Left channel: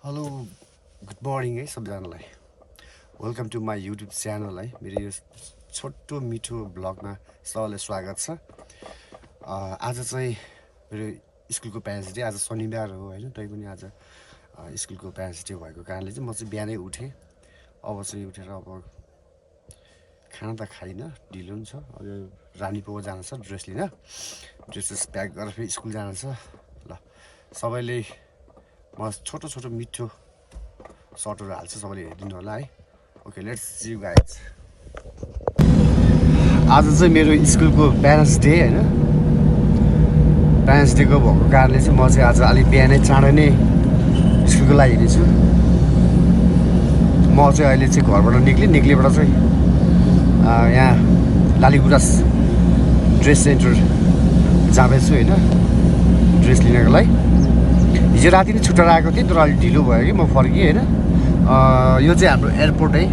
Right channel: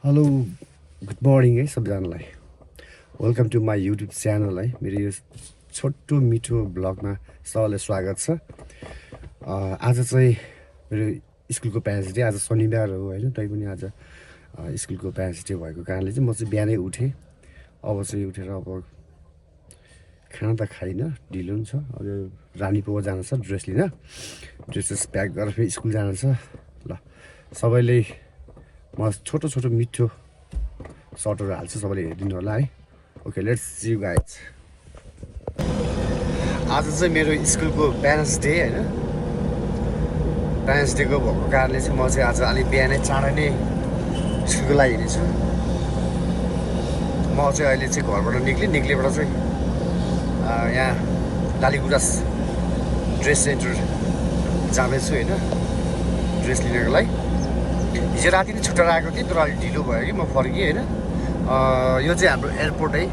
Hello good morning है सबैजनालाई welcome to my YouTube channel है मेरो यो छोटो मिठो ब्लगमा सबैलाई स्वागत छ। आज चाहिँ मेरो स्कुलको प्यारेन्ट्स डे, आज शनिबार हो होइन, तैपनि आज स्कुलको प्यारेन्ट्स डे भएको कारणले चाहिँ म चाहिँ बिहानै उठेँ। अब चाहिँ उठेर अब खाना त खाइनँ, ढिलो पनि छ। अब रानी पो जानु छ ड्रेस लिन, ड्रेसेस प्याक गरेर फेरि स्कुल जानु छ। ल सबैले म छोटो छोटो मिठो सर्टहरू हाल्छु, सबैले हेरिदिनु होला है। Okay let's see you guys. आज चाहिँ मेरो स्कुलको प्यारेन्ट्स डे होइन, प्यारेन्ट्स डेको भएको कारणले चाहिँ म चाहिँ आज अलिक बिहानै चाँडै नै स्कुलको लागि हिँडेछु। म चाहिँ अहिले चाहिँ घरबाट निक्लेबाट चाहिँ यहाँ लालीगुराँस ड्रेस सेन्टर जाँदैछु होइन, ड्रेस लिनको लागि। हिजो राति नै छुट्टाएर आएको थिएँ तर अलिक ढिलो भयो कि म फर्केँ होइन। यो चाहिँ हाम्रो एयरपोर्ट है,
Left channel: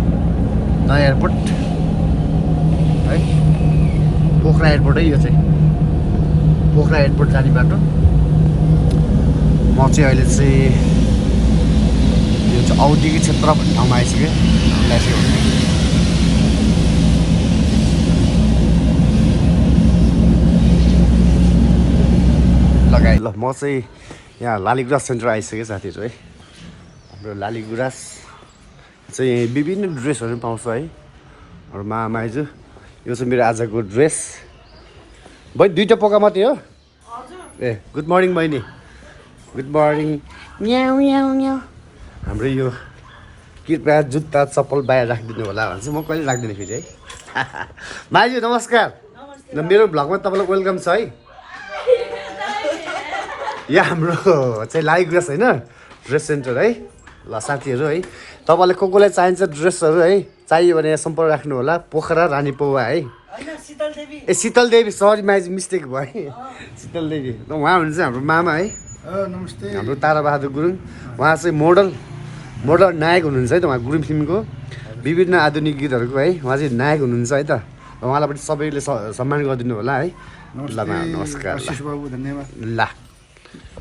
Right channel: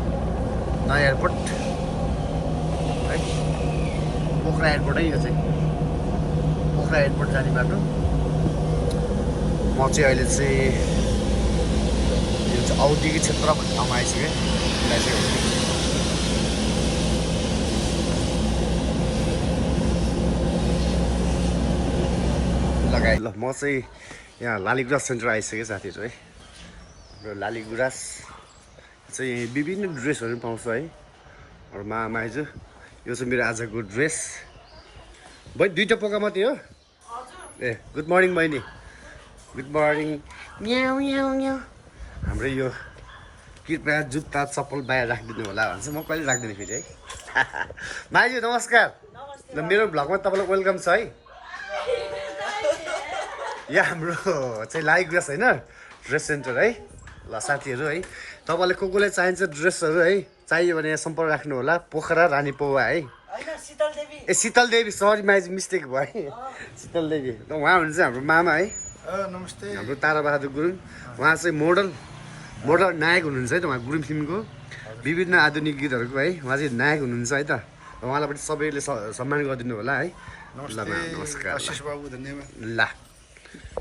नयाँ एयरपोर्ट है, पोखरा एयरपोर्ट है। यो चाहिँ पोखरा एयरपोर्ट जाने बाटो। म चाहिँ अहिले चाहिँ यो चाहिँ औद्योगिक क्षेत्र भन्ने ठाउँमा आइसकेँ। लगाएँ ल, म चाहिँ यहाँ लालीगुराँस सेन्टर आइसकेँ साथीहरू है। हाम्रो लालीगुराँस चाहिँ विभिन्न ड्रेसहरू पाउँछ है। मामा आइज यो चाहिँ मेरो आजको ड्रेस। बहिनी दुईवटा पोका मात्रै हो? ए गुड मर्निङ बहिनी, गुड मर्निङ। म्याउ म्याउ म्याउ। हाम्रो यो कृपया जुत्ता चप्पल बाहिर राखिदिनु होला भन्छ, म कहिले राख्दिनँ फेरि है। माइजू नमस्कार, मेरो भ्लगमा तपाईँलाई वेलकम छ है। यहाँ हाम्रो चाहिँ लालीगुराँस होइन ड्रेस सेन्टर है। ल साथीहरू है, तपाईँलाई कसलाई चाहिन्छ ड्रेसहरू है, चाहियो भने यहाँ सम्पर्क राख्नु होला। पोखरा रानी पौवा है। ए शीतल देवी, सरी माइज मिस्टेक भयो, शीतल देवी। उहाँ हुनुहुन्छ हाम्रो मामा है। नमस्ते। हाम्रो ताराबहादुर गुरुङ, उहाँ चाहिँ मोडल नायक हुनुहुन्छ है त। उहाँ गुरुङ फिल्मको विभिन्न आधुनिक गीतहरूको है उहाँ चाहिँ नायक हुनुहुन्छ है त। उहाँलाई पनि सबैले सम्मान गरिदिनु होला है। ल नमस्कार, बाबु धन्यवाद। ल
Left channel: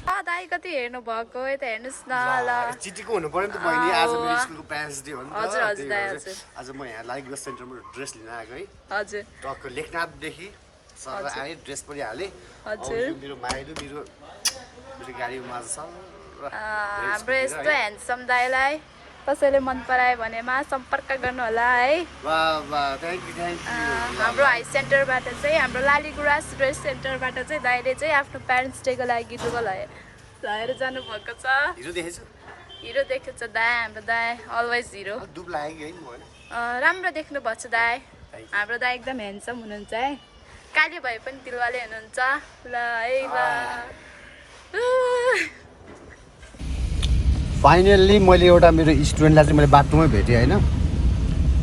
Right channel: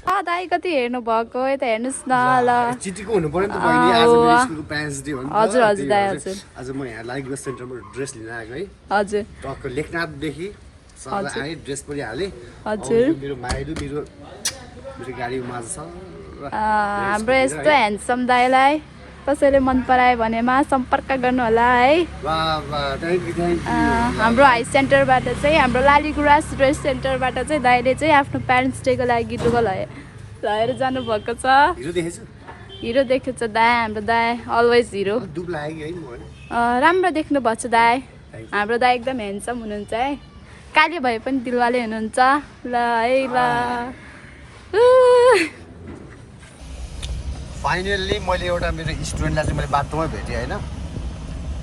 दाइ कति हेर्नु भएको यता हेर्नुहोस् न। ल चिठीको हुनु पर्यो नि त बहिनी, आज मेरो स्कुलको प्यारेन्ट्स डे हो नि त। हजुर हजुर दाइ हजुर। आज म यहाँ लालीगुराँस सेन्टरमा ड्रेस लिन आएको है। हजुर टक्क लेखनाथदेखि सर आएँ, ड्रेस पनि हालेँ। हजुर। मेरो माइलु मेरो गाडीमा माझ छ। हाम्रो यस्तो ह्यान्डसम दाइलाई कसैले मन परायो भनेमा सम्पर्क गर्नु होला है। हाम्रो हाई सेन्टरबाट चाहिँ, हाम्रो लालीगुराँस ड्रेस सेन्टरबाट चाहिँ दाइले चाहिँ आफ्नो प्यारेन्ट्स डेको लागि लुगा लगेर जानुभएको छ। हिरो देखेछु, हिरो देखेको छ दाइ, हाम्रो दाइ अलवेज हिरो। दुब लाग्यो है म। राम्रो देख्नु भएको छ दाइ, हाम्रो दाइ एकदम ह्यान्डसम हुनुहुन्छ है। काले भए पनि दिलवाले हुनुहुन्छ। ल है ल। फाइनल्ली मैले एउटा मेरो स्टुडेन्टलाई चाहिँ मैले बाटोमै भेटेँ होइन।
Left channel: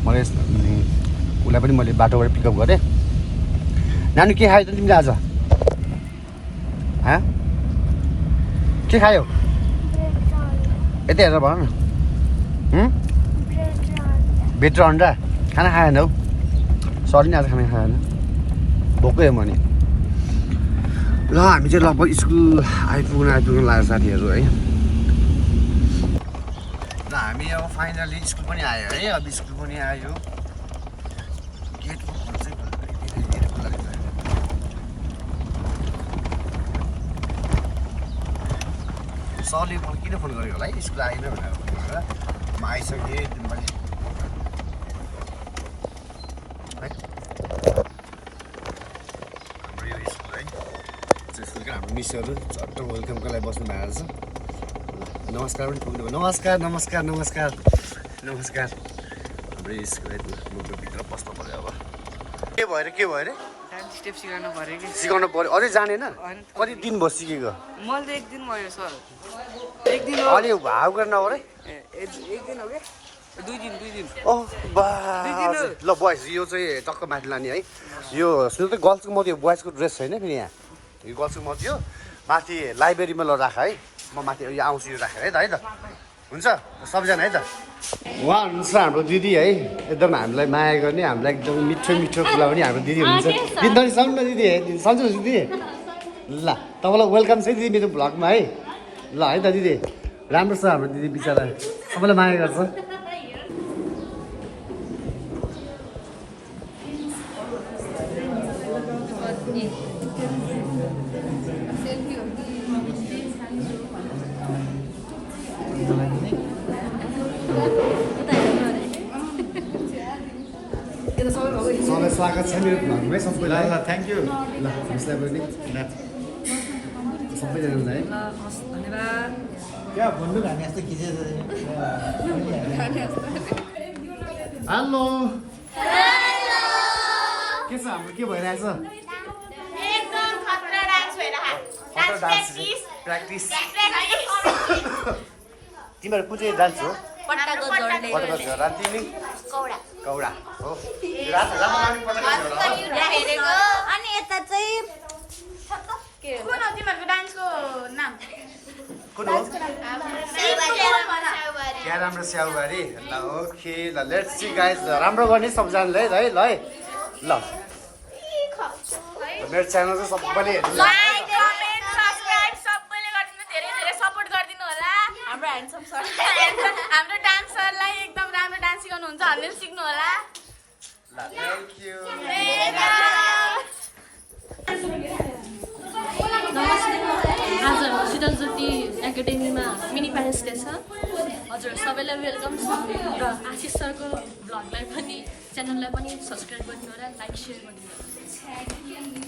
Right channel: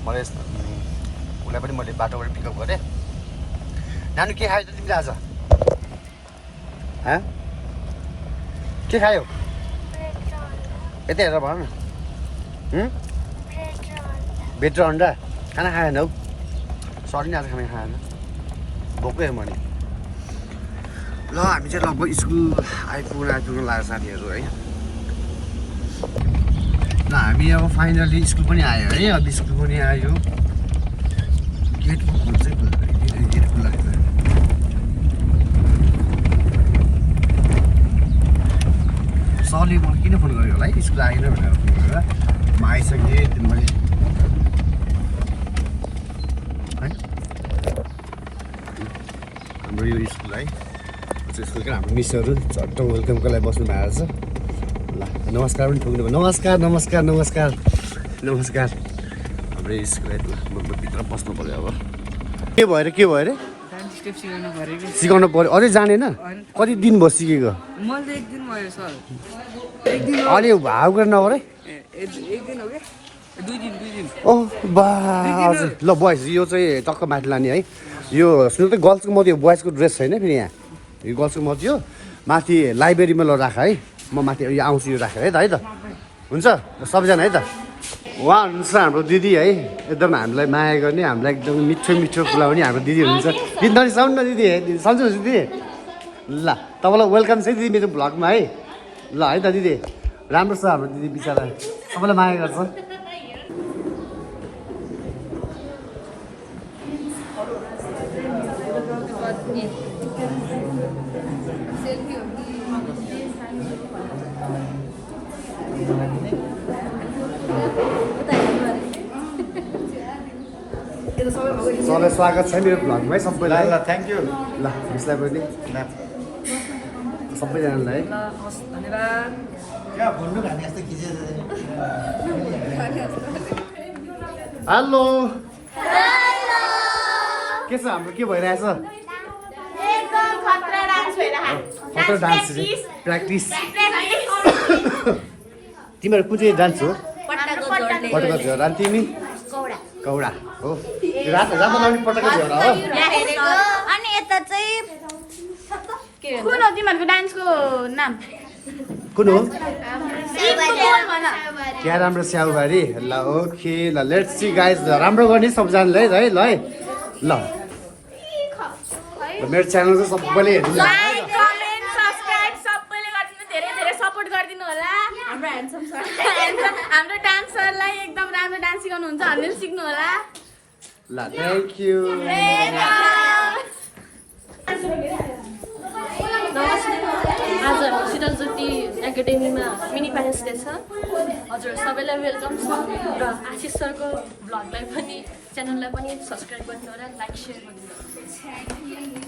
मैले उसलाई पनि मैले बाटोबाट पिकअप गरेँ। नानी के खायो त तिमीले आज? के खायो? यतै हेरेर भन न। ब्रेड र अन्डा खाना खाएन हौ? सरी नि आज खाना खाएन, भोकै हो भने। ल हामी चाहिँ लगभग स्कुल आइपुग्न लाग्यो साथीहरू है। ल हामी अब फाइनली स्कुल पनि आयो है। अब स्कुल पनि आयो, गेट खुल्छ है, गेट खुल्ला रहेछ। सरले मलाई किन फोन गरेको होला है स्कुल आएन भनेर फोन गरेर। म आइसकेँ मैले है। हाम्रो यो स्कुल है, स्कुलको हाम्रो मिसहरू झट्ट वेलकमको लागि बस्नु भएको छ। नमस्कार पनि पुग्नु भयो। नमस्कार नमस्कार नमस्कार नमस्कार। हाम्रो स्कुल भित्र बस्नु पऱ्यो। अब के भयो अरे सिकाउनु पऱ्यो। अझै जानेन? कति दिन भयो सिकेको? अलि भाव गरेर नगर है। ओह बा हजुर। ल बोइज यो चाहिँ टक्क माथि लाने है। यो सुन्नु त गर्ल्सको मात्रै हो, बोइजको ड्रेस छैन फेरि यहाँ। यो गर्ल्सको मात्रै हो, माथि लाइब्रेरीमा ल राख है। म माथि यो आउँछु, यो राखेर है त हुन्छ सबैजना है त। उहाँ हुनुहुन्छ हाम्रो दिदी है, एकदम हामीलाई माया गर्ने, हामीलाई एकदम मिठो मिठो कुरा पनि हाम्रो दिदी हुनुहुन्छ। दिदी साउन्ड न दिदी, सन्चो दिदी। ल तपाईँलाई वेलकम छ दिदी मेरो भ्लगमा है। ल है त दिदी। राम्रो छ हाम्रो दिदी बिचरा सबैलाई माया गर्छ सबैलाई स्वागत छ मेरो भ्लगमै सबैलाई ल थ्याङ्क यू ल यसलाई पनि सबैजनालाई हेलो के छ हाम्रो के भइरहेछ खतरा डान्स प्र्याक्टिस तिमीहरू कुन चाहिँ डान्स हो पटका झ्योर अनि तिमी कौडा हो रातो रातो लाउने पटका झ्योर हो कुन हो तिमीहरूको डान्सको नाम कुन हो क्या राम्रो स्याउबारी ल ओके ल लेट्स सी गाइज राम्रो गर्ने सबजनाले है ल है ल मेरो च्यानल चाहिँ सबैले हेरिदिनु कमेन्ट सब्सक्राइब सबैले गरिदिनु धेरै धेरै सपोर्ट गरिदिनु होला हाम्रो डान्सरलाई एकदम राम्रो डान्स सिकाउनुहुन्छ हामीले सिक्नु होला ल थ्याङ्क यू आज शीतल ज्योति एकाडेमीमा मिनी प्यारेन्ट्स डे छ हजुर सबैलाई वेलकम छ र आशिष सरको भ्लगलाई पनि च्यानललाई पनि सब्सक्राइब गरिदिनु होला लाइक सेयर गरिदिनु होला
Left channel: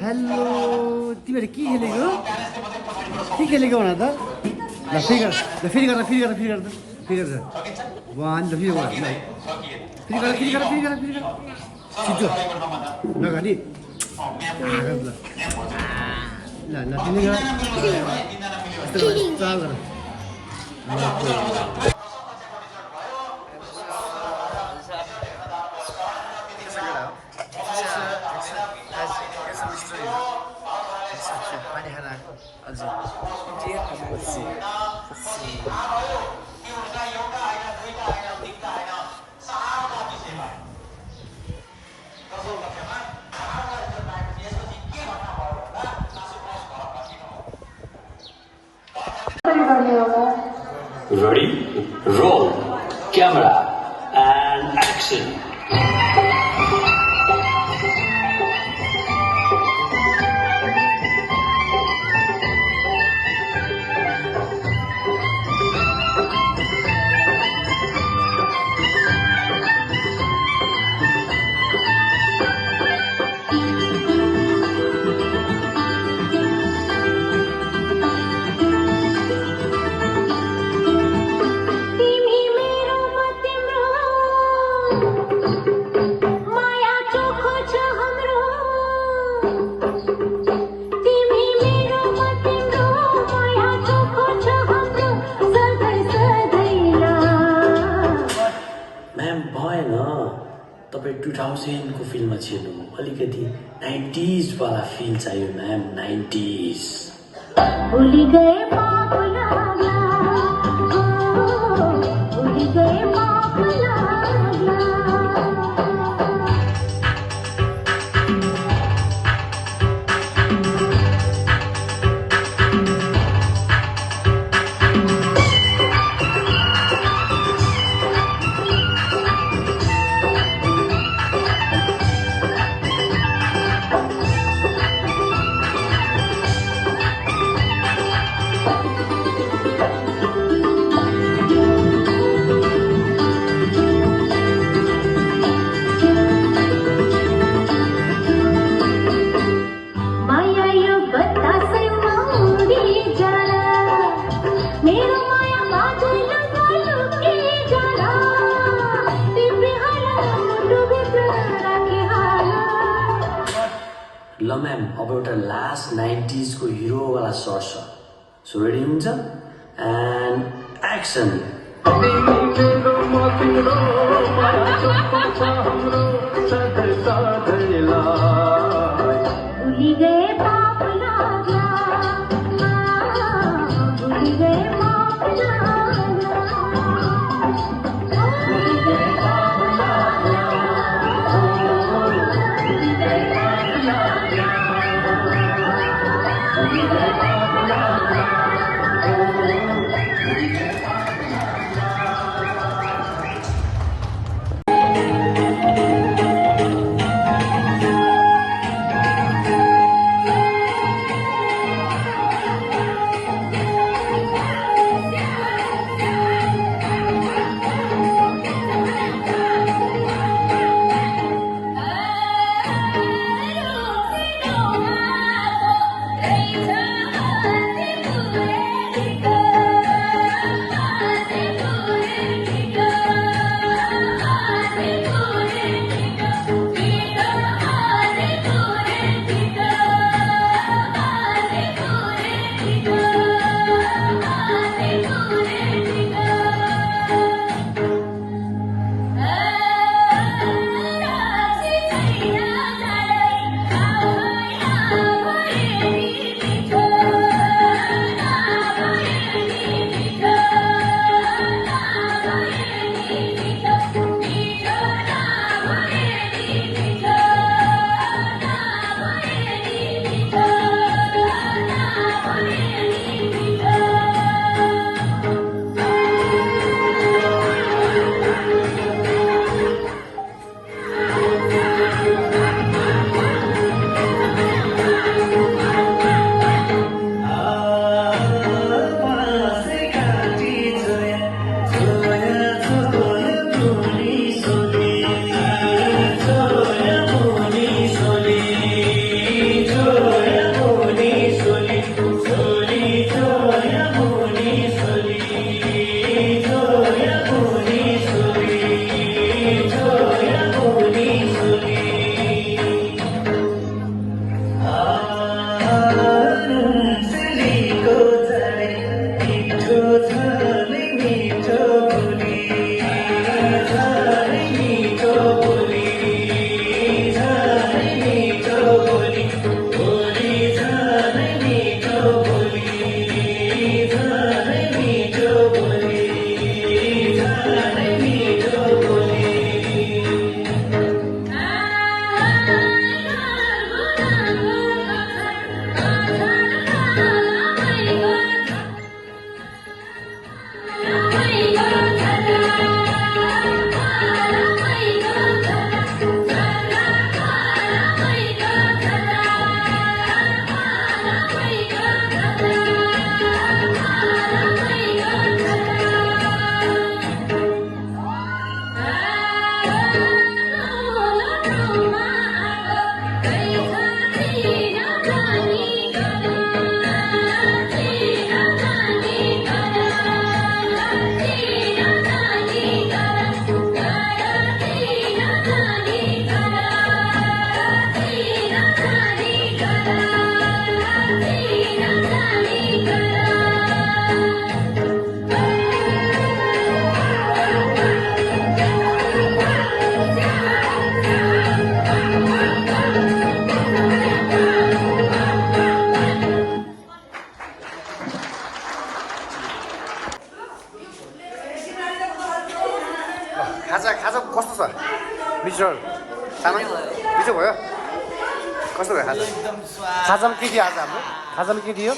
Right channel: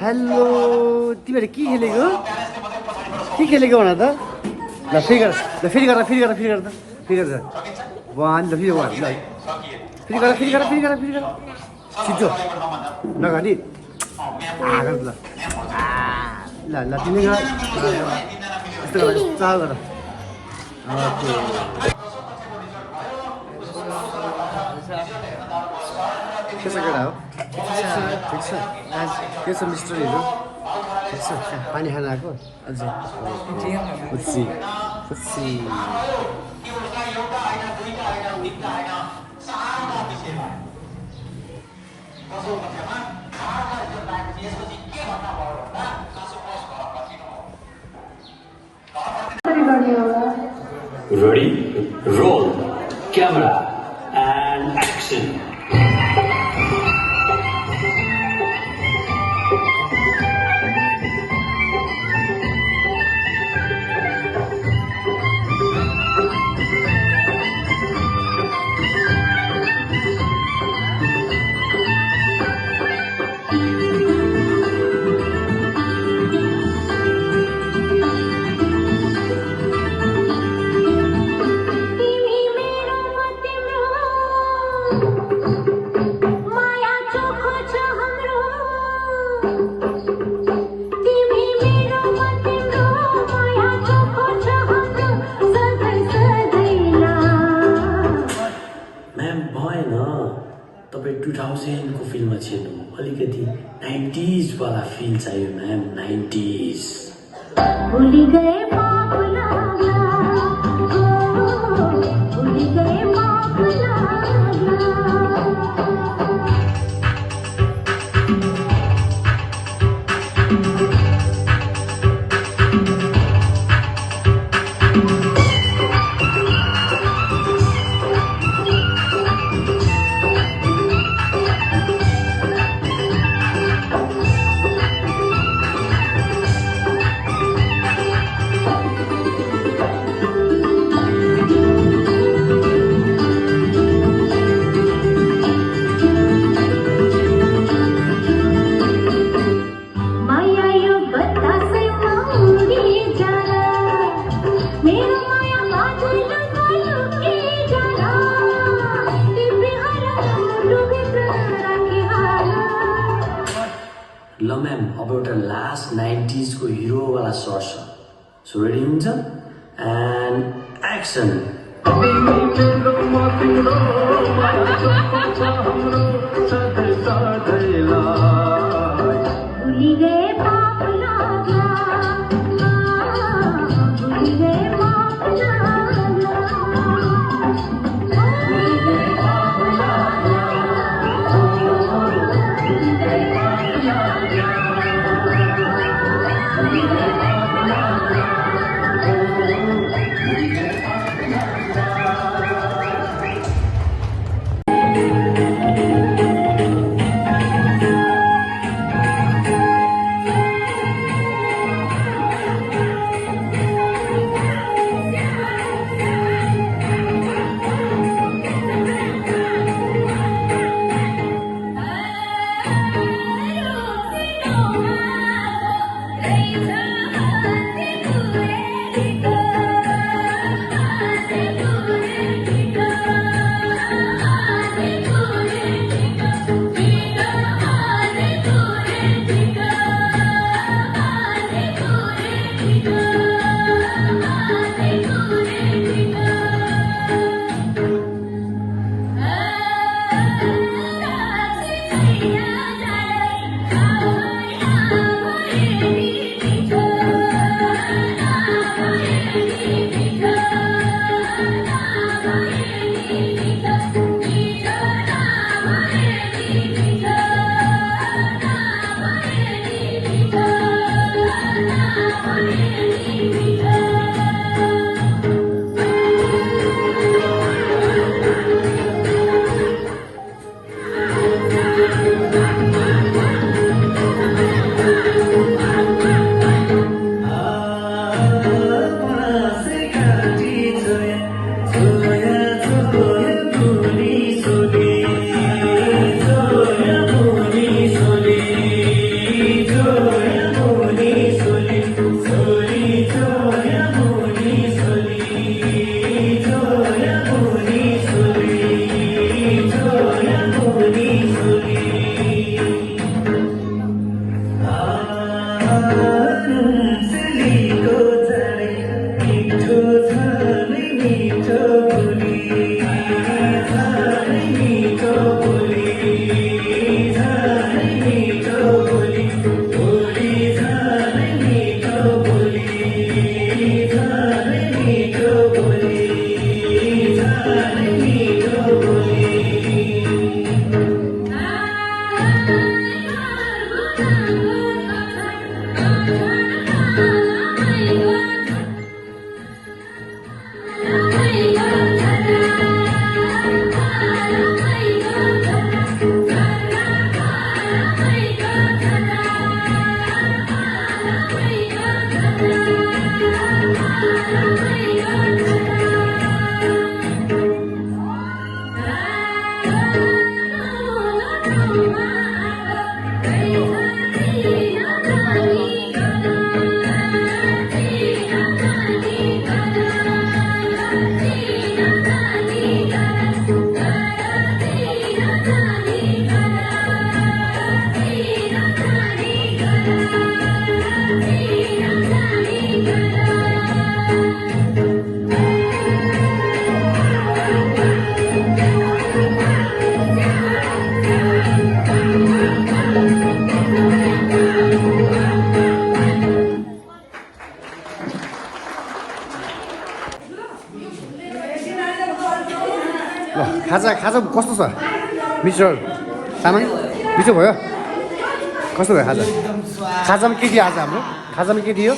हेलो तिमीहरू के खेलेको भन त ल फेरि गर ल फेरि गर फेरि गर फेरि गर त फेरि गर वान ल फेरि वान ल फेरि गर फेरि गर फेरि गर फेरि गर छिटो नगरी ल ल ल तिमी गर यस्तो गर चाल गर ओके के छ केटा हो ठिक छ के छ मिस्टरहरू ठिक छ पानी खान आएको अझै पछि Ready, roll, camera, and action. तपाईँ 2000 को फिल्ममा छिर्नु अलिकति 90s वाला फिल चाहियो म्याम 90s भूली गए माँ भुला भूली गए माँ भुला मेरो माया माझैलाई लुकी जाला तिमी हाला डुबेको राखिहाल ल म्याम अब एउटा लास्ट 90s को हिरोवाला सर्ट छ सो रेडी हुन्छ एन्ड एक्सन भुली गए पाप लाग्ला भुली गए पाप लाग्ला भुली गए पाप लाग्ला भुली गए पाप लाग्ला भुली गए पाप लाग्ला खाजा खाजा कस्तो छ मिस्टर तामाङ मिठो भयो कस्तो भयो खाजा खाजामा के दियो आज हाम्रो खाजामा के दियो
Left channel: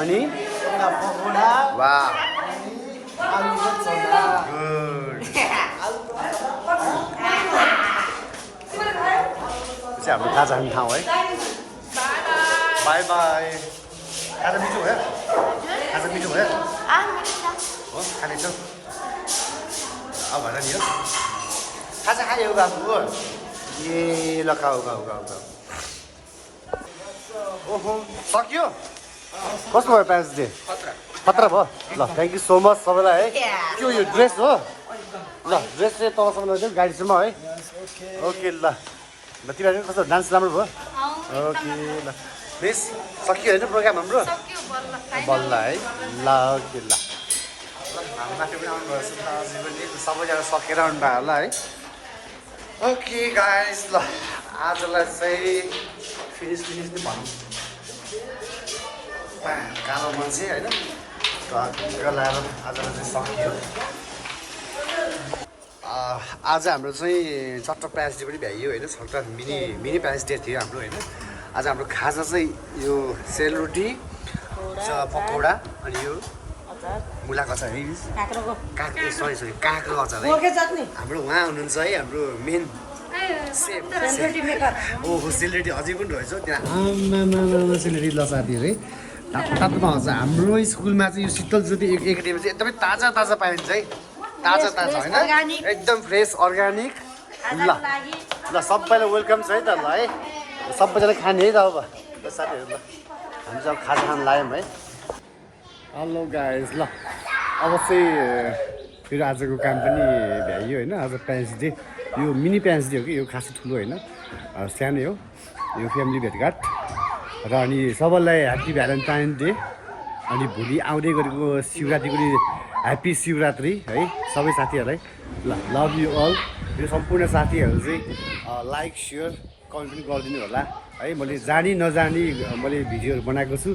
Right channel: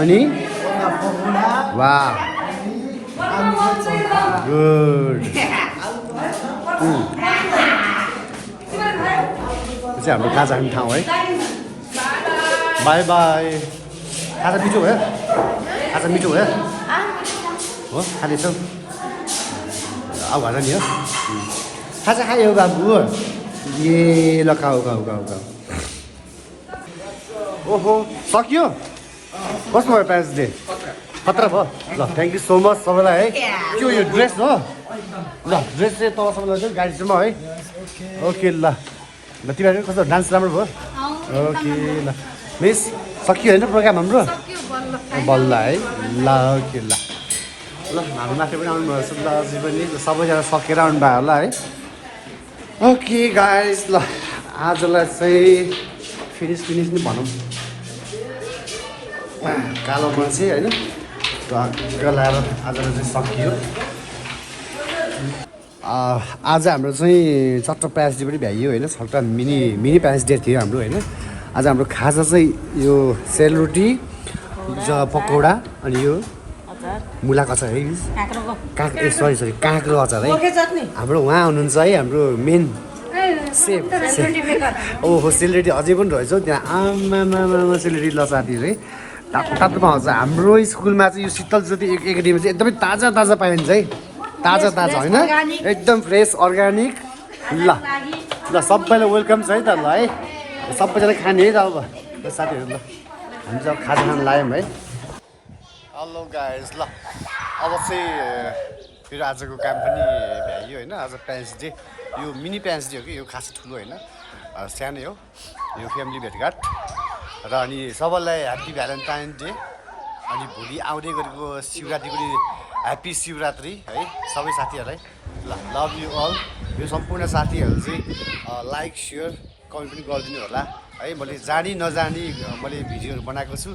अनि वाह गुड चाहिँ हाम्रो खाजा खाने ठाउँ है बाई बाई खाजा मिठो भयो खाजा मिठो भयो हो खानेछौ अब भन नि हो खाजा खायो बाबु ए ल खाऊ खाऊ खाऊ खाऊ ओहो सकियो कस्तो भयो प्यारेन्ट्स डे खतरा भयो ल थ्याङ्क यू सो मच सबैलाई है के हो यो ड्रेस हो ल ड्रेस चाहिँ तलसम्म लैजाउँ गाडीसम्म है ओके ल ल तिमीहरू कस्तो डान्स राम्रो भयो ओके ल मिस सकियो होइन प्रोग्राम हाम्रो बल्ल है ल ओके ल ल हाम्रो माथि पनि आउनुभयो सुब्बाजी पनि सबैजना सकेर आउनुभयो होला है ओके गाइस ल आजलाई चाहिँ फिनिस नै भनौँ कालो मान्छे होइन ढक्क लाएर आजलाई चाहिँ सकियो आज हाम्रो चाहिँ चट्ट प्यारेन्ट्स डे पनि भ्याइयो होइन छट्टा मिनी प्यारेन्ट्स डे थियो हाम्रो होइन आज हाम्रो खाजा चाहिँ यो सेलरोटी पकौडा अनि यो मुलाको अचार है सरी काँक्रो अचार है हाम्रो उहाँ हुनुहुन्छ है हाम्रो मेन सेफ ओहो सेलरोटी अझै पनि रहेछ त्यहाँ आमा सेलरोटी ल साथीहरू है तातोमा आउँछ हाम्रो स्कुलमा चाहिँ यो शीतल ज्योति एकाडेमी चाहिँ एकदमै ताजा पाइन्छ है ताजा होइन एकदम फ्रेस अर्ग्यानिक ल सबैलाई वेलकम छ है त ल है सबैजना खाने है त अब साथीहरू ल हामी चाहिँ अब खाजा खान लाग्यौँ है हेलो गाइस ल अब चाहिँ फेरि आजको काम पनि भ्याइयो होइन आज प्यारेन्ट्स डे यो मिनी प्यारेन्ट्स डे हो कि यो खासै ठुलो होइन सानै हो यो फ्यामिली भेटघाट र अनि सबैलाई ह्याप्पी भ्यालेन्टाइन डे अनि भोलि आउँदै गरेको शिवरात्रिको ह्याप्पी शिवरात्रि है सबै साथीहरूलाई ल लभ यु अल यो सम्पूर्ण साथीहरू चाहिँ लाइक सेयर कमेन्ट पनि गरिदिनु होला है मैले जानी नजानी मैले भिडियोहरू बनाएको छु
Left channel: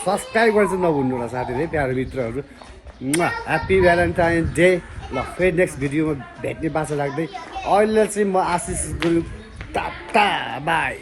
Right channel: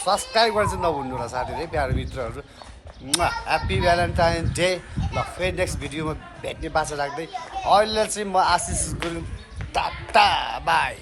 सब्सक्राइब गर्न चाहिँ नभुल्नु होला साथीहरू है प्यारो मित्रहरू ह्याप्पी भ्यालेन्टाइन डे ल फेरि नेक्स्ट भिडियोमा भेट्ने बाचा लाग्दै अहिले चाहिँ म आशिष गुरुङ टाटा बाई